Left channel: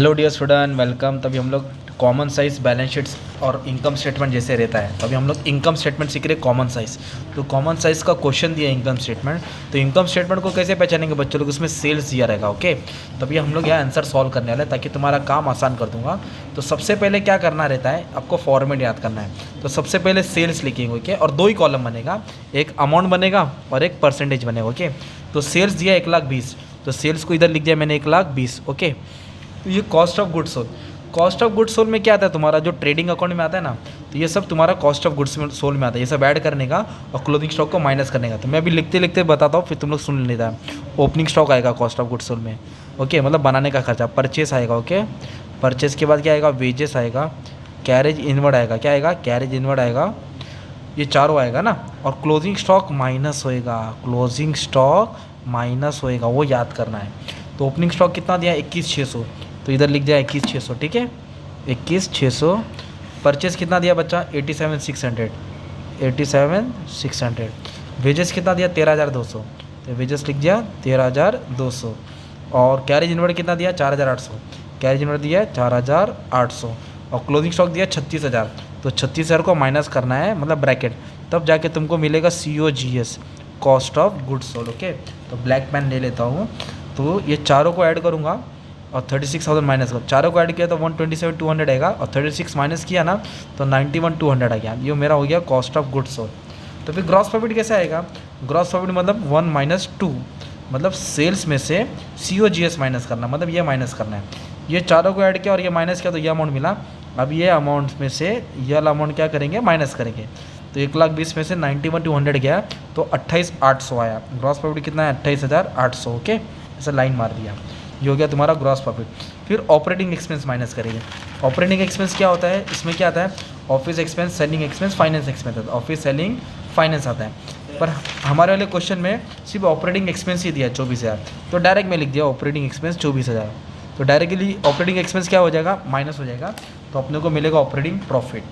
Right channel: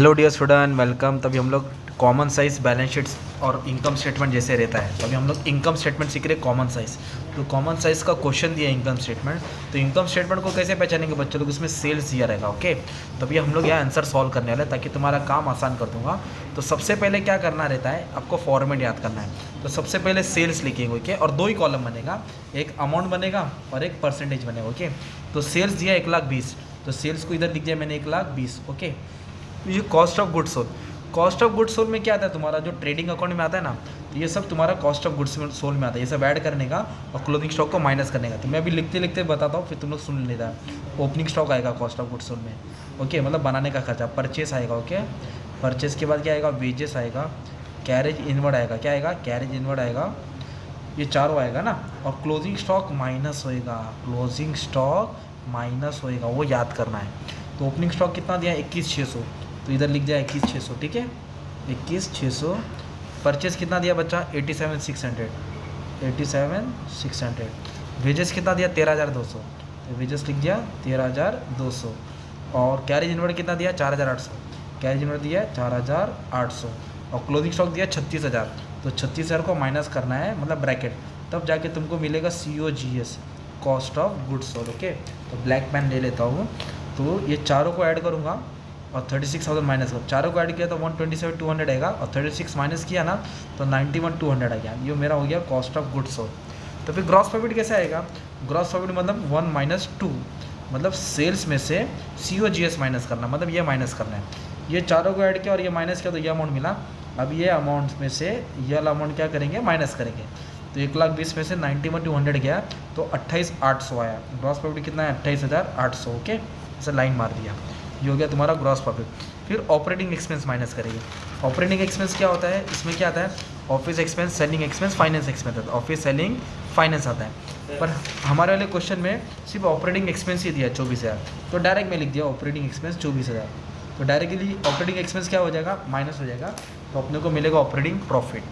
Hello dear student, welcome. तभी हम लोग कॉमन साइज बैलेंस शीट्स और इनकम स्टेटमेंट जैसे रहता है, तभी हम लोग इनकम स्टेटमेंट सीख रहे कॉमन साइज। तो कॉमन साइज का क्वेश्चन दिया इनकम स्टेटमेंट, तो इनकम स्टेटमेंट को कैसे पहचानेंगे बच्चों लोग, इसमें सेल्स दिया रहेगा। ओके, तभी हम लोग यहाँ आंसर सॉल्व करने वाले हैं ताकि तुम्हारा काम आसान कर दूंगा। तो सबसे पहले क्या करना रहता है, आपको फॉर्मेट याद करना है। तो सबसे पहले सेल्स लिखेंगे, ओके, और दो ही कॉलम बनेगा, एक अमाउंट बनेगा और एक परसेंटेज बनेगा। ओके, तो सेल्स दिया 1,20,000, तो सेल्स को इधर लिख दिया मैंने 1,20,000। ओके, ये cost of goods sold. Cost of goods sold में क्या आता है, तुम्हारा जो ट्रेडिंग अकाउंट में आता है ना, तो ये सब तुम्हारा कॉस्ट ऑफ गुड्स सोल्ड में आता है। ये सब ऐड करने का और क्लोजिंग स्टॉक को माइनस करने का। तो मैं अभी लिखते लिखते बताता हूँ, फिर तुम लोग सुन लेता है। ओपनिंग स्टॉक आएगा कॉस्ट ऑफ गुड्स सोल्ड में, ओके, मतलब बनाने का खर्चा। परचेस आएगा, ओके, परचेस के बाद क्या आएगा, वेजेस आएगा, कैरेज इनवर्ड आएगा, क्या आएगा, कैरेज इनवर्ड आएगा, ये चारों आएगा ना। और क्लोजिंग स्टॉक माइनस होएगा, क्लोजिंग स्टॉक माइनस होएगा, वो याद करना है। तो ओपनिंग स्टॉक कितना दिया, 21,600, तो इधर लिख दिया 21,600, ठीक है, 21,600। परचेस कितना दिया बच्चा, 87,600, 87,600। वेजेस कितना दिया, 13,200, तो वेजेस लिख दिया 13,200। और कैरेज इनवर्ड कितना दिया, 4,800, कैरेज इनवर्ड दिया 4,800। और क्लोजिंग स्टॉक दिया 36,000, तो 36,000 को माइनस करना है, मतलब ब्रैकेट, तब जाके तुमको मिलेगा COGS, cost of goods sold. Okay, तो ब्लैक पेन ले लेता हूँ। तो ये चारों को ऐड करूँगा और 36,000 माइनस करो, चारों को ऐड किया तो 127,200 आएगा, और 36 माइनस किया ना तो 91,200 आ गया। ये मेरा हो गया कॉस्ट ऑफ गुड्स सोल्ड। तो फिर ग्रॉस प्रॉफिट कैसे आएगा, ग्रॉस प्रॉफिट मतलब 1 - 2, मतलब सेल्स में से COGS माइनस करना, मतलब ये माइनस करना है। ये चारों को ऐड किया और ये माइनस किया तो ये अमाउंट मिला। अब ये अमाउंट में से ये वाला अमाउंट क्या करेंगे, माइनस करेंगे। तो 1,20,000 में से 91,200 गया तो 28,800 आया। ग्रॉस प्रॉफिट कितना है, 28,800। ओके, ऐसे लाइन मार दिया, ये हो गया तुम्हारा ग्रॉस प्रॉफिट। फिर ऑपरेटिंग एक्सपेंस माइनस करेंगे। ऑपरेटिंग एक्सपेंस क्या होता है, इसमें क्या आता है, office expense, selling expense, finance expense आता है। ऑफिस, सेलिंग, फाइनेंस आता है। पर हमारे वाले क्वेश्चन में सिर्फ ऑपरेटिंग एक्सपेंस ही दिया है 24,000, तो डायरेक्ट मैं लिख दिया ऑपरेटिंग एक्सपेंस 24,000। तो डायरेक्टली ऑपरेटिंग एक्सपेंस क्या हो जाएगा, माइनस हो जाएगा, तो अपने को मिलेगा ऑपरेटिंग प्रॉफिट।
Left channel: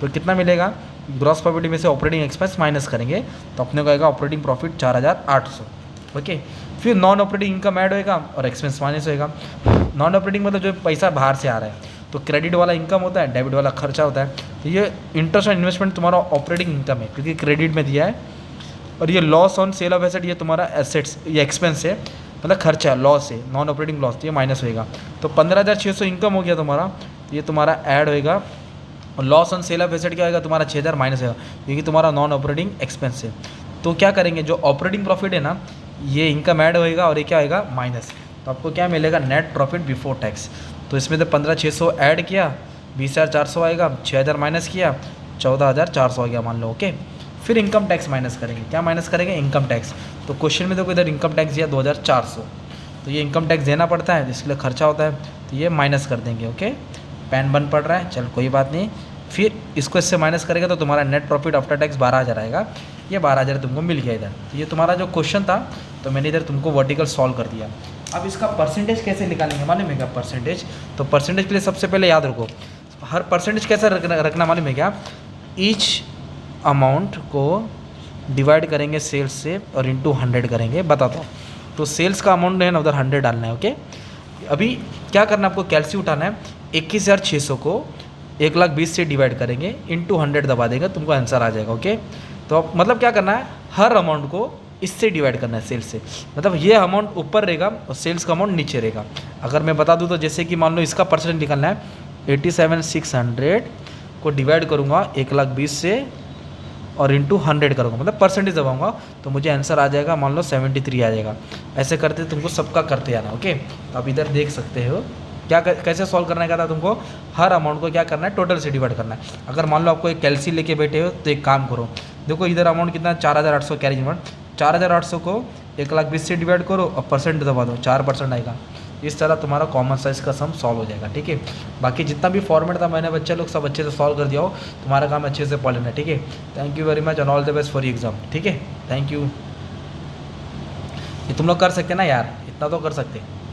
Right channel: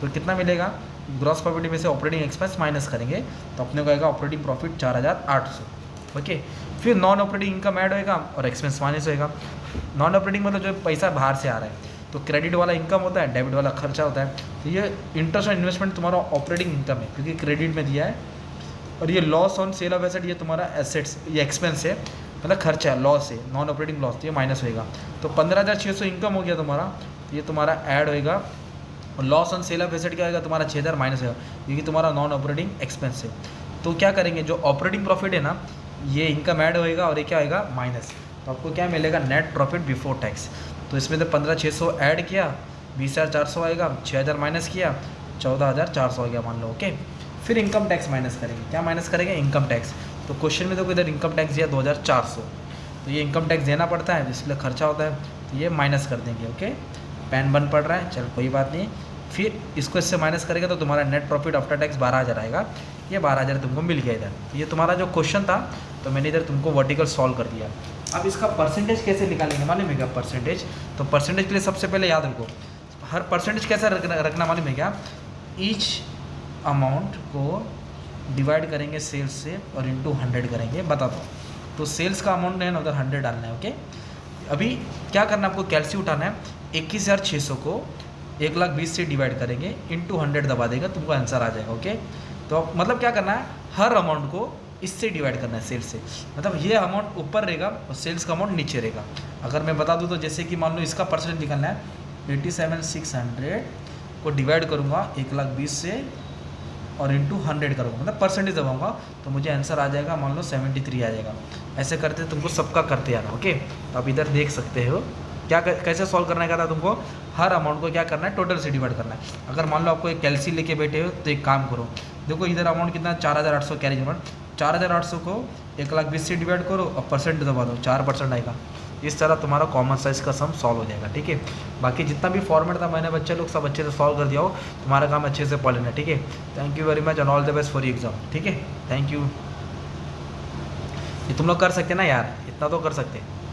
तो कितना मिलेगा, ग्रॉस प्रॉफिट में से ऑपरेटिंग एक्सपेंस माइनस करेंगे तो अपने को आएगा ऑपरेटिंग प्रॉफिट 4,800। ओके, फिर नॉन ऑपरेटिंग इनकम ऐड होएगा और एक्सपेंस माइनस होएगा। नॉन ऑपरेटिंग मतलब जो पैसा बाहर से आ रहा है, तो क्रेडिट वाला इनकम होता है, डेबिट वाला खर्चा होता है। तो ये इंटरेस्ट और इन्वेस्टमेंट तुम्हारा ऑपरेटिंग इनकम है क्योंकि क्रेडिट में दिया है। और ये loss on sale of asset, ये तुम्हारा एसेट्स, ये एक्सपेंस है, मतलब खर्चा है, लॉस है, नॉन ऑपरेटिंग लॉस, तो ये माइनस होएगा। तो 15,600 इनकम हो गया तुम्हारा, ये तुम्हारा ऐड होएगा। और loss on sale of asset क्या होगा, तुम्हारा 6,000 माइनस होगा, क्योंकि तुम्हारा नॉन ऑपरेटिंग एक्सपेंस है। तो क्या करेंगे, जो ऑपरेटिंग प्रॉफिट है ना, ये इनकम ऐड होएगा और ये क्या आएगा, माइनस। तो आपको क्या मिलेगा, नेट प्रॉफिट बिफोर टैक्स। तो इसमें तो 15,600 ऐड किया, 20,400 आएगा, 6,000 माइनस किया, 14,400 आ गया मान लो। ओके, फिर इनकम टैक्स माइनस करेंगे, क्या माइनस करेंगे, इनकम टैक्स। तो क्वेश्चन में देखो इधर इनकम टैक्स दिया 2,400, तो ये इनकम टैक्स देना पड़ता है, इसलिए खर्चा होता है, तो ये माइनस कर देंगे। ओके, पैन बन पड़ रहा है, चल कोई बात नहीं। फिर इसको इससे माइनस करेगा तो तुम्हारा नेट प्रॉफिट आफ्टर टैक्स 12,000 आएगा। ये 12,000 तुमको मिल गया इधर। तो ये तुम्हारा जो क्वेश्चन था, तो मैंने इधर तुमको वर्टिकल सॉल्व कर दिया। अब इसका परसेंटेज कैसे निकालेंगे मालूम है क्या, परसेंटेज। तो परसेंटेज के लिए सबसे पहले याद रखो, हर परसेंटेज कैसे रखना मालूम है क्या, ईच अमाउंट को डिवाइड करेंगे सेल्स से और इंटू 100 करेंगे, बताता हूँ। तो सेल्स का अमाउंट है ना, उधर 100 डालना है। ओके, अभी क्या करना है, आपको कैलसी उठाना है, 21,600 को 1,20,000 से डिवाइड करेंगे, इंटू 100 दबा देगा, तुमको आंसर आ जाएगा। ओके, तो अब मतलब क्या करना है, हर अमाउंट को इससे डिवाइड करना है, सेल्स से, मतलब ये अमाउंट ऊपर रहेगा और सेल्स का अमाउंट नीचे रहेगा। अगर मैं बता दूँ तो जैसे कि मान लो इसका परसेंट निकालना है, 87,600 को डिवाइड करूँगा 1,20,000 से और इंटू 100 करूँगा, मतलब परसेंटेज दबाऊँगा, तो मुझे आंसर आ जाएगा, मान लो 73 आ जाएगा। ऐसे करते तुमको सबका करते आना। ओके, तो आप इधर देख सकते हो क्या कैसे सॉल्व करने का था तुमको, हर अमाउंट को क्या करना है, टोटल से डिवाइड करना है। अगर मान लो आपको एक कैलसी लेके बैठे हो तो एक काम करो, देखो इधर अमाउंट कितना, 4,800 कैरेज अमाउंट, 4,800 को 1,20,000 से डिवाइड करो और परसेंट दबा दो, 4% आएगा। इस तरह तुम्हारा कॉमन साइज का सम सॉल्व हो जाएगा। ठीक है, बाकी जितना भी फॉर्मेट था मैंने बच्चे लोग सब अच्छे से सॉल्व कर दिया हो, तुम्हारा काम अच्छे से पढ़ लेना। ठीक है, thank you very much and all the best for exam. ठीक है, थैंक यू। ये तुम लोग कर सकते ना यार, इतना तो कर सकते।